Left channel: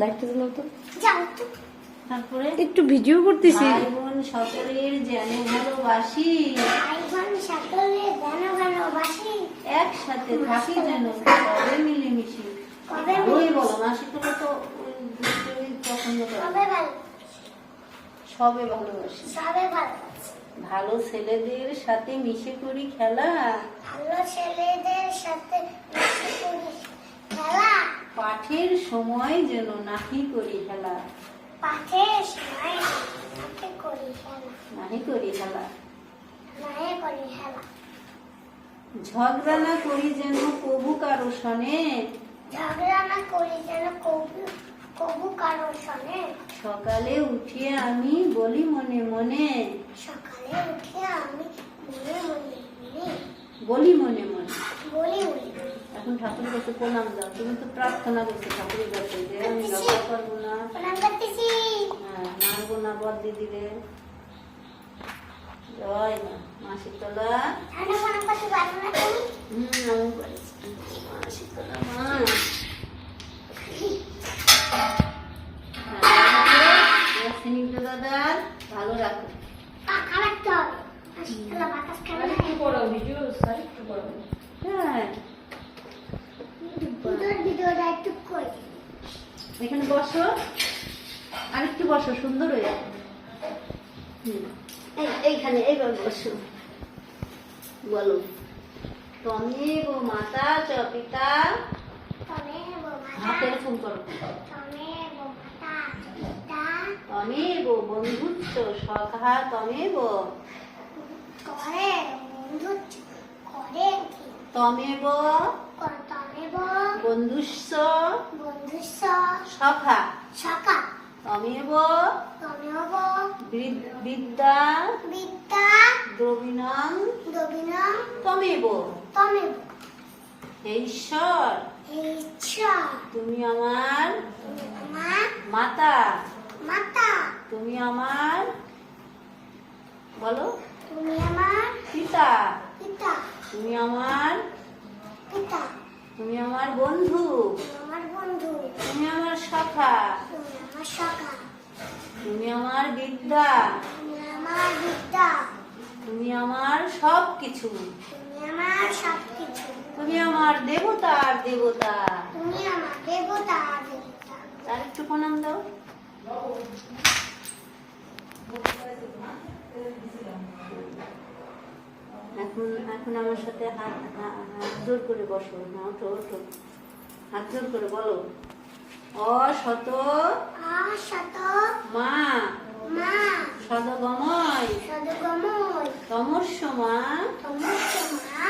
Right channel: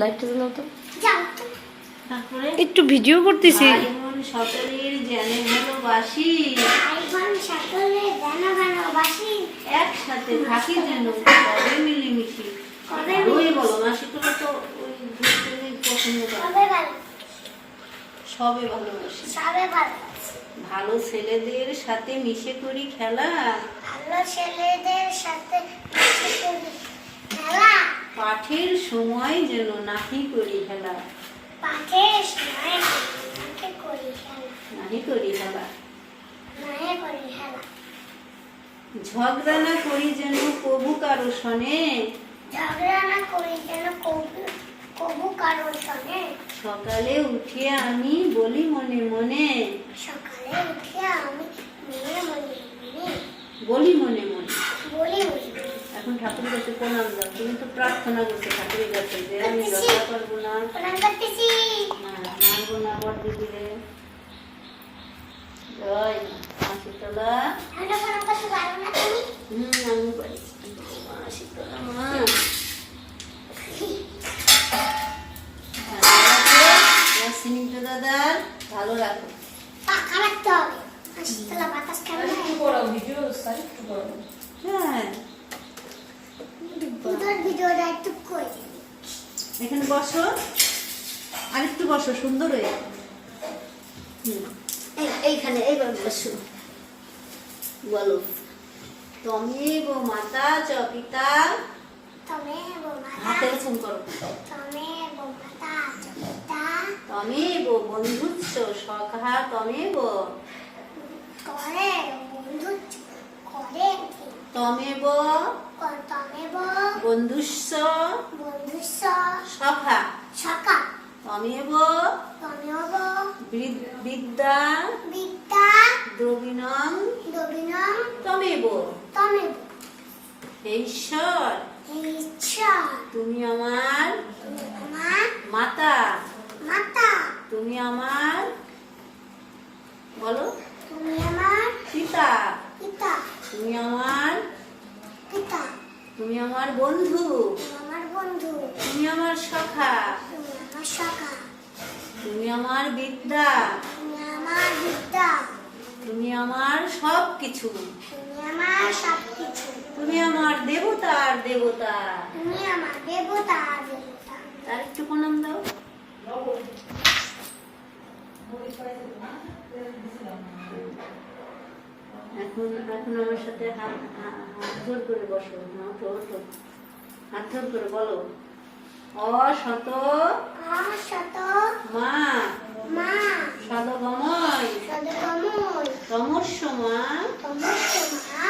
লাইটটা জ্বালাও তো। তারপরে একটু ভিডিও করতেছি। সকলের জানে ভালোবাসি। গানা ভালোবাসি। একসাথে থাকি যেন কবে মিলেমিশি। কবে ওই বলো মাসি তোরা তো ওই দুটোই পছন্দ করে। সবে ভালো। সবে ভালোবাসি। সবে ভালো। ভালো ছেলেদের সাথে মিশে করি খেলা। ভালো ছেলেদের সাথে মিশে করি খেলা। পাঠের সময় যেন নাহি করি খেলা পাঠের সময় সাথে করি খেলা নাহি করি খেলা করি ঝগড়া না করি যেন কবু কারও শনে ঝগড়া না করি যেন কবু কবু কারোর সঙ্গে সকালে উঠিয়ে আমি বলি মনে মনে। সকালে উঠে আমি মনে মনে। বলি মনে মনে। বলি বলি এখন ঠাকুরের কাছে প্রণাম দাও। তুমি তো প্রার্থনা করছ ঠাকুরের কাছে যে আমি করব না। হ্যাঁ, মানবো না বর দিদিরে জয় না হুম আমি করেছি। মা। স্নিগ্ধ দাদার ভালো রাখো। পাখা রাখতে হবে। শীতলা বাতাস হ্যাঁ? একটু এখানে বসো। আরেকটু বসো সুন্দর হয়ে এই- এইখানে এইবার বসো। বলো। তমেব মাতা চ পিতা। তমে বো মাতা। হাতে ফোন করো। তমে বো মাতা পিতা। তমেব বন্ধুচ্ছ সখা তমেব করে বন্ধু করে? তমেব বন্ধুস্য সখা তমেব। বিদ্যা। বিদ্যা। দ্রবিণং। তমেব। ঈশ্বর। ঈশ্বর। তুমি আমার আমার মাতা। মাতা। তুমি আমার বলো। তুমি আমার পিতা। পিতা। তুমি আমার তুমি আমার বন্ধু। তুমি আমার বন্ধু। তুমি আমার সখা তুমি আমার সকা তুমি আমার বিদ্যা। তুমি আমার বিদ্যা। তুমি আমার সব কিছু তুমি আমার সব কিছু তুমি আমার দেবতার দেবতা। তুমি আমার দেবতা দেবতা। তার একটু প্রণাম দাও। এখন এখন আমার সাথে হাত হাত জোর করে বসো না ওঠো ওঠো। হাত জোর করে বলো। অশত অশত মা। মা। সদগময়। সদগময়। তমস্য মা তমস্যমা।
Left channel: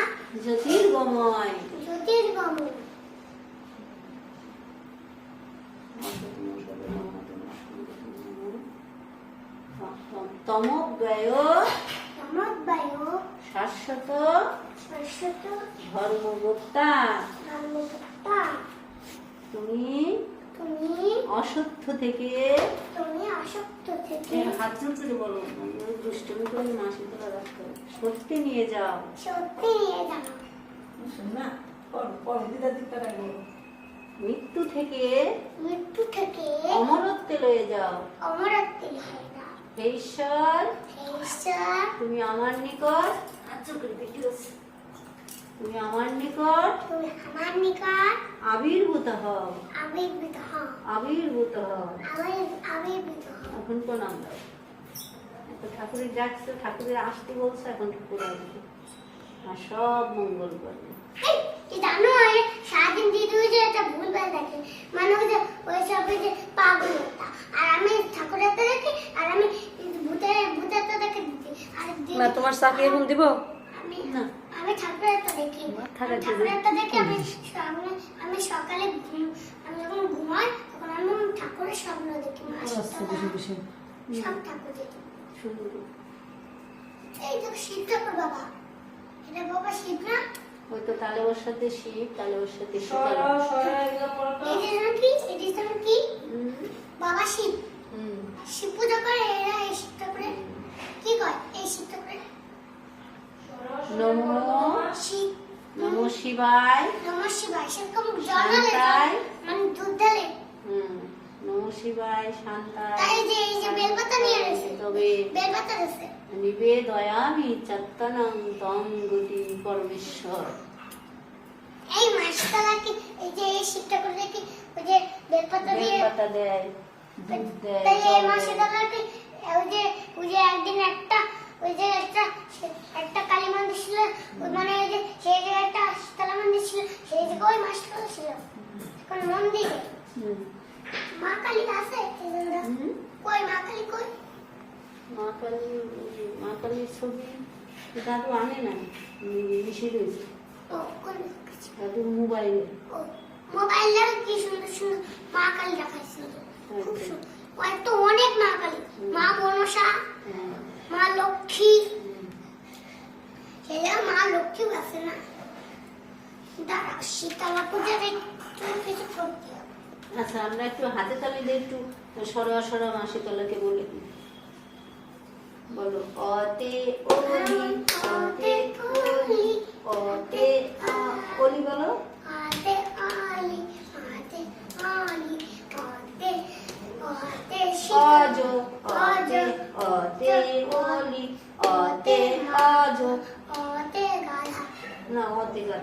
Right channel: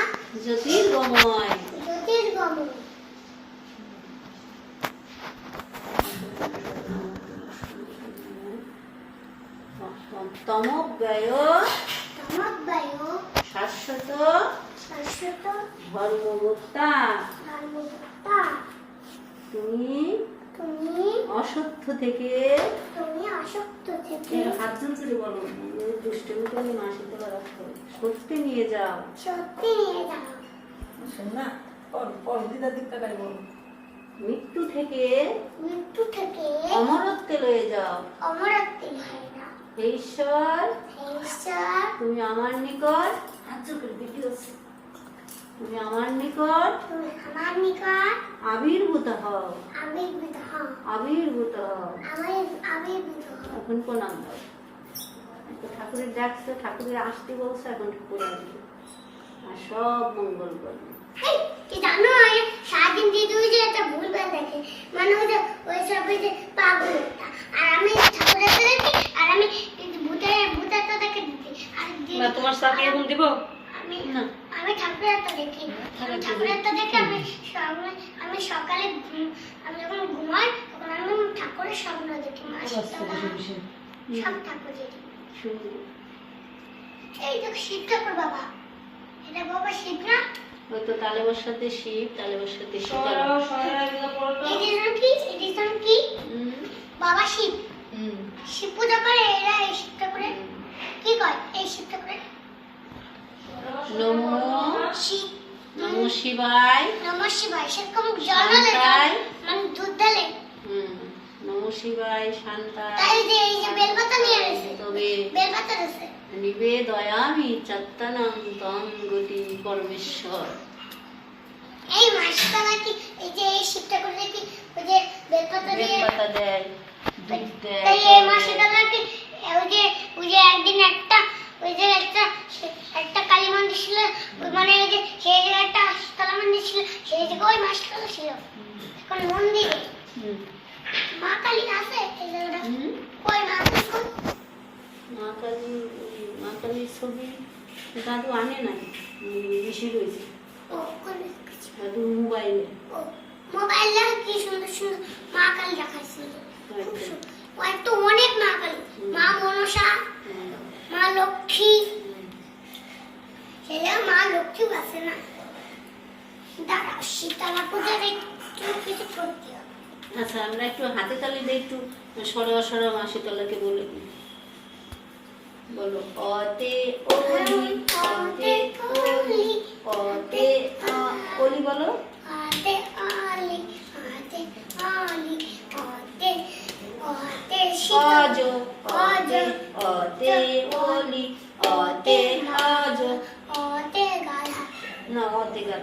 জ্যোতির্গময়। জ্যোতির্গময়। তমব্যয় তমদ্বায়ু শাশ্বত শাশ্বত তুমি তুমি অসত্য থেকে তুমি আসক্ত থেকে হাত জোরে বলো দুষ্টমি করে সত্যি নিয়ে যাও। সত্যি নিয়ে যাও। মৃত্যু থেকে মৃত্যু থেকে অমরত্বে লয়ে যাও। অমরত্বে হয় না হে ঈশ্বর হে ঈশ্বর তুমি আমার নিকট করে আছে। তুমি আমার নিকট তুমি আমার নিকট আবির্ভূত হও। আবির্ভূত হও। আবির্ভূত হও। আবির্ভূত হও। এখন প্রণাম। দাও তো ঠাকুরের ডাকছে ঠাকুরের আসতে বলছে এখন ঠাকুর আসবে। আর সব মঙ্গল করবে। কি জানো সারাদিন দিদি ওই যে একটা ভুলভাল দেখে মানে ওই যে ওই সব ওই যে পাগল আর আমি ঠাকুরের দেখি আর আমি ভূতের ভূতের তো বা তোমার সাথে এখন দিব? না। আমি ঠাকুরের দেখি। থাকা আমি ঠাকুরের তো দেখি আমি আমি সকালে আমি যখন ঘুমাই তখন আমি ঠাকুরের স্বপ্ন দেখি সব ঠাকুর দেখি। এই তো শিব ঠাকুর বাবা। এটা বাবা শিব না? ওই তো তালে বসাতে শিব তালে বসাতে এই কি? এই কি? বাবা শিব। শিব পূজা করে এরা এই শিব ঠাকুরে কি কয়? এই শিব ঠাকুরে নমো শিব নমো শিবায়। নমঃ শিবায়। সেরকম জল শান্তায়। মানে দুধ ঢালে হুম শিবায় শান্তা এই যে এই যে বেলপাতা নিয়ে এসেছে। তবে বেলপাতা আছে। নিবে দয়ামি চত্তনম তম গতি পরমেশ্বর। এই মাসতলা কি এই যে এই শিবটা করে কি ওই যে বেলপাতা দিয়ে বেলপাতা দেয় দুধ দেয় তাই এই। মাসতলা কি ওই যে ওই যে একদিন একটা ওই যে একটা একটা কালী মন্দির ছিল ওই মানে ওই যে সেই জায়গায় একটা শীতলা মন্দির ছিল সেই জায়গায় ওই মাসতলা ছিল এখন মন্দিরে। মা কালী আছে মা কালী মা কালী মা কালীর ছবি দাদু আনে নাই বেশি রয়েছে কাছে মোবাইলে। মোবাইলে কি সুন্দর সুন্দর মা কালী দেখাইছিল খুব সুন্দর। ওই তো অনেক মা কালী। মা মনসা। মা লক্ষ্মী। সেটা মা লক্ষ্মীও আছে না। দাঁড়াও শীতলা পূজার একটু কিছু করতে আচ্ছা আমরা একটু হাতে তালি দিয়ে একটু সরোয়া সরোয়া মাসি তলাকে বলে বলো অতে ওলি অতে ওলি অতে ওলি বলো। আতে আলি আতে আলি আতে অজ শীতল অতে অতে ওলি অতে অজ। আতে গাধা। না অতে না,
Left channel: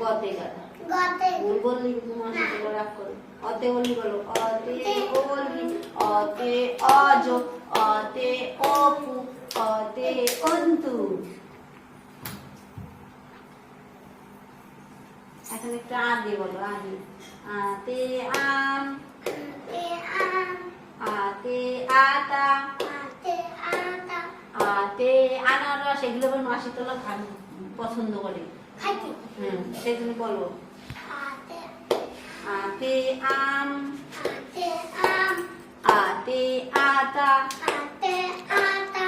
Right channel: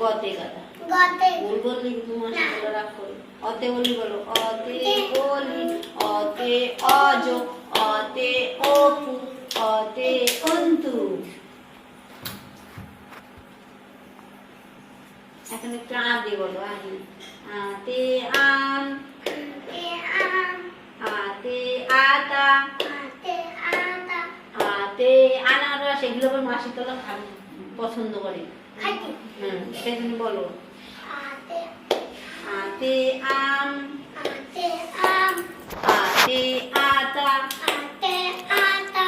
গতে গাদা গাতে। ভুল বললি মাসি তলা রাগ করে। অতে ওলি বলো অতে ওলি অতে অজ অতে অপু অতে অন্তু। এখন একটু আ দিয়ে বলো আহি আতে আম। এগুলো বল মাসি তোলা খান পছন্দ করে। হুম সেজন্য বলো। আতে আতে আম। আতে আম। আতে আতা। আতে আতা।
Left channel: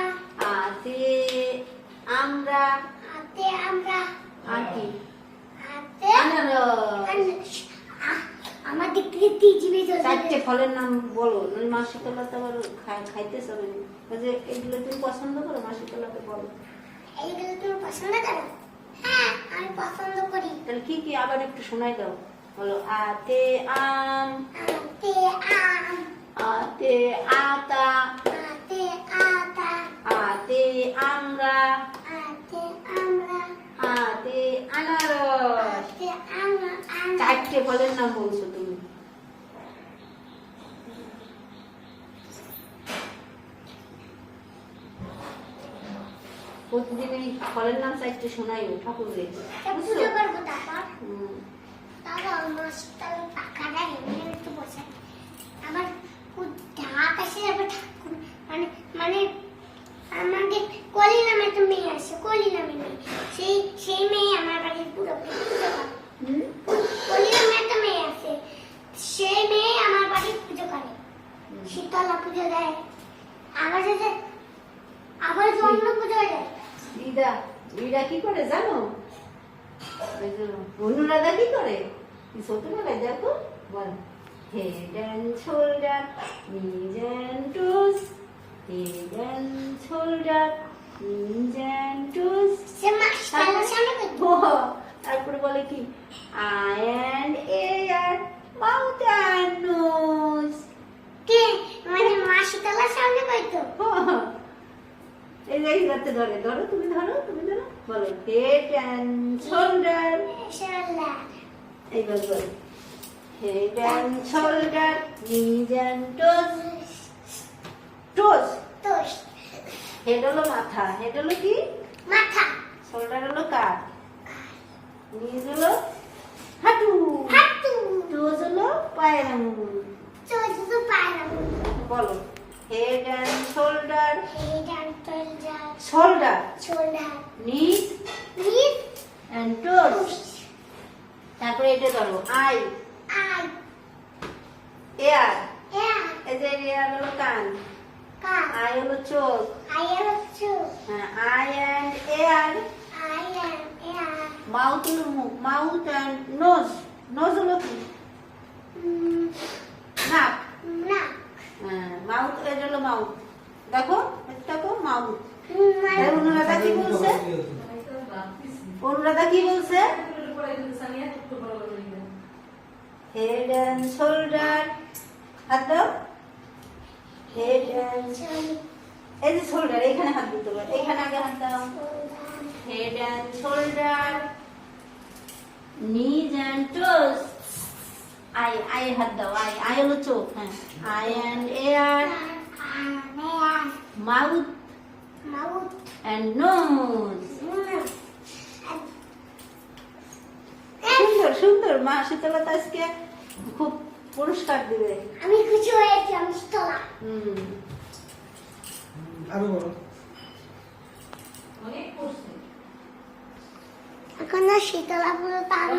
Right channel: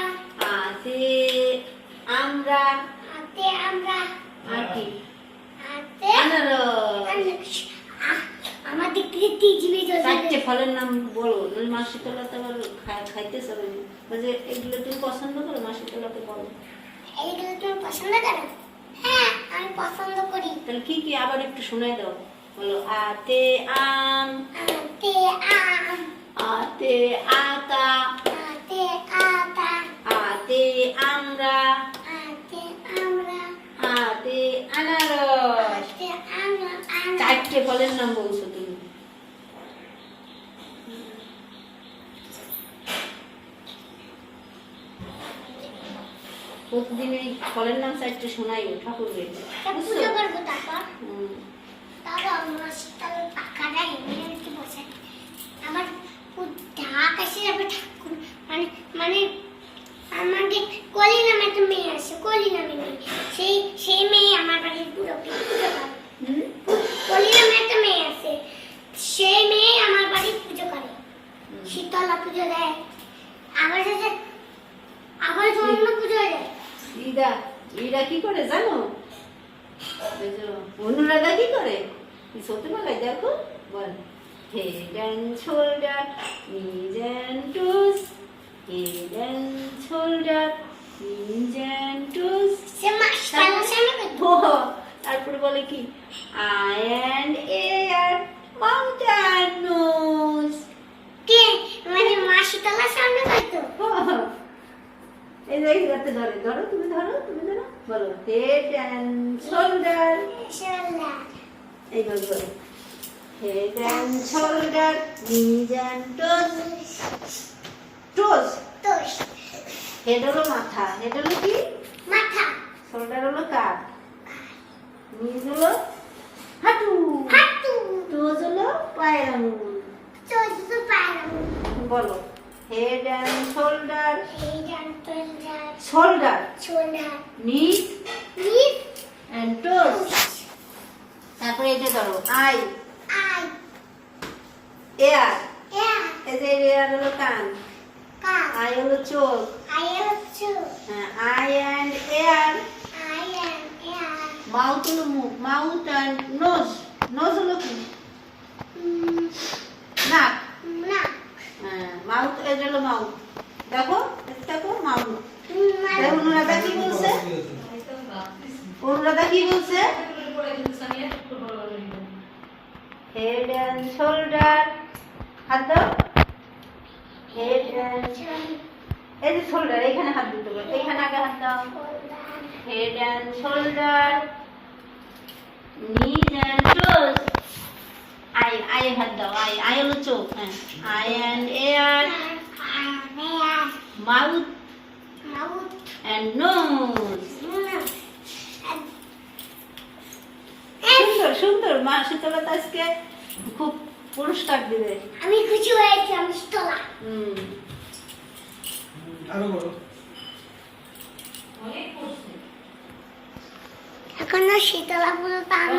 আতে আমরা। আতে আমরা। কি আতে আনারস। আমার দিক থেকে তিনজনে চারটে ফলের নাম বলো। মাসি তোলাতে আবার খাই- খাইতে না বলছে এগুলো তুমি পছন্দ করো মাসি তোলাতে বলো এইগুলো তুমি পছন্দ করো? হ্যাঁ আমি পছন্দ করি। তাহলে কি কি আবার একটু শোনাই দাও? বলো আতে আম। আতে আম। আতে আতা। আতে আতা। আতে আমরা। আতে আমরা। আতে আনারস। আতে আমরা চারটে ফলের নাম বলছো তুমি। প্রতিদিন এই ফলের নাম চারটে শোনাই ঠাকুরের। পুজো করব তারপর। তাহলে আমার শীতল পাখাটা এমনি একটু বসে আমার খুব ঢাক আসে যাবে ঠাকুর মানে মানে আমাকে কলি নামে একটা মেয়ে আছে কলি নামে মেয়ে সেই সেই মেয়ে আমার বাড়ির পুরো পুজো করে হুম? কলি নামে একটা মেয়ে আছে সেই মেয়ে আমার বাড়ির পুজো করে হুম। শীতলা পুজো দেয় আবার সাথে আবার যে অন্য পুজো দেয় ইদা ইদা কি করে জানো? অনুরাধা কি করে? ছোটবেলায় দেখো বল। তারপরে বলে কি? Eye and ear mouth and nose কে মানে মা শীতলার সামনে করতো এই যে এই ধরে ধরো তুমি ধরো তুমি ধরো বলো হেড অ্যান্ড শোল্ডার শালা এইবার বলো head and shoulder knees and toes. Toes? Head হলো মাথা হেড হলো কি? মাথা। শোল্ডার হলো কাঁধ নিজ হলো হাঁটু। হাঁটু। টোস হলো পায়ের আঙুল তোষ তো পায়রা বলো। Head and shoulder head and shoulder shoulder shoulder knees knees and toes তারপরে এটা ধরো আই আই এয়ার এয়া এই যে এয়ার হলো কান। কা আই হলো চোখ। আই হচ্ছে eye and ear eye um ear mouth হলো মুখ। মাউথ অ্যান্ড নোজ নোজ হলো কি? নাক মাউথ এটা হলো মাউথ। দেখো দেখো মাউথ। তাই অনুরাধা কি বলছে? অনুরাধা কি বলছে? হেড অ্যান্ড শোল্ডার হাত দাও। অ্যান্ড এই যে শোল্ডার এখানে হাত দিতে হবে। এখানে আগে হাত দাও। Head and shoulder knees and toes eye eye হাত দাও আই আই হলো চোখ হ্যাঁ eye and ear mouth and nose সুন্দর সুন্দর মা শীতলতা আজকে খুব পুরস্কার দিবে। আমি খুশি হয়েছি আমি তোলা হুম আরও করছে এখনও শীতলা পুরো পানি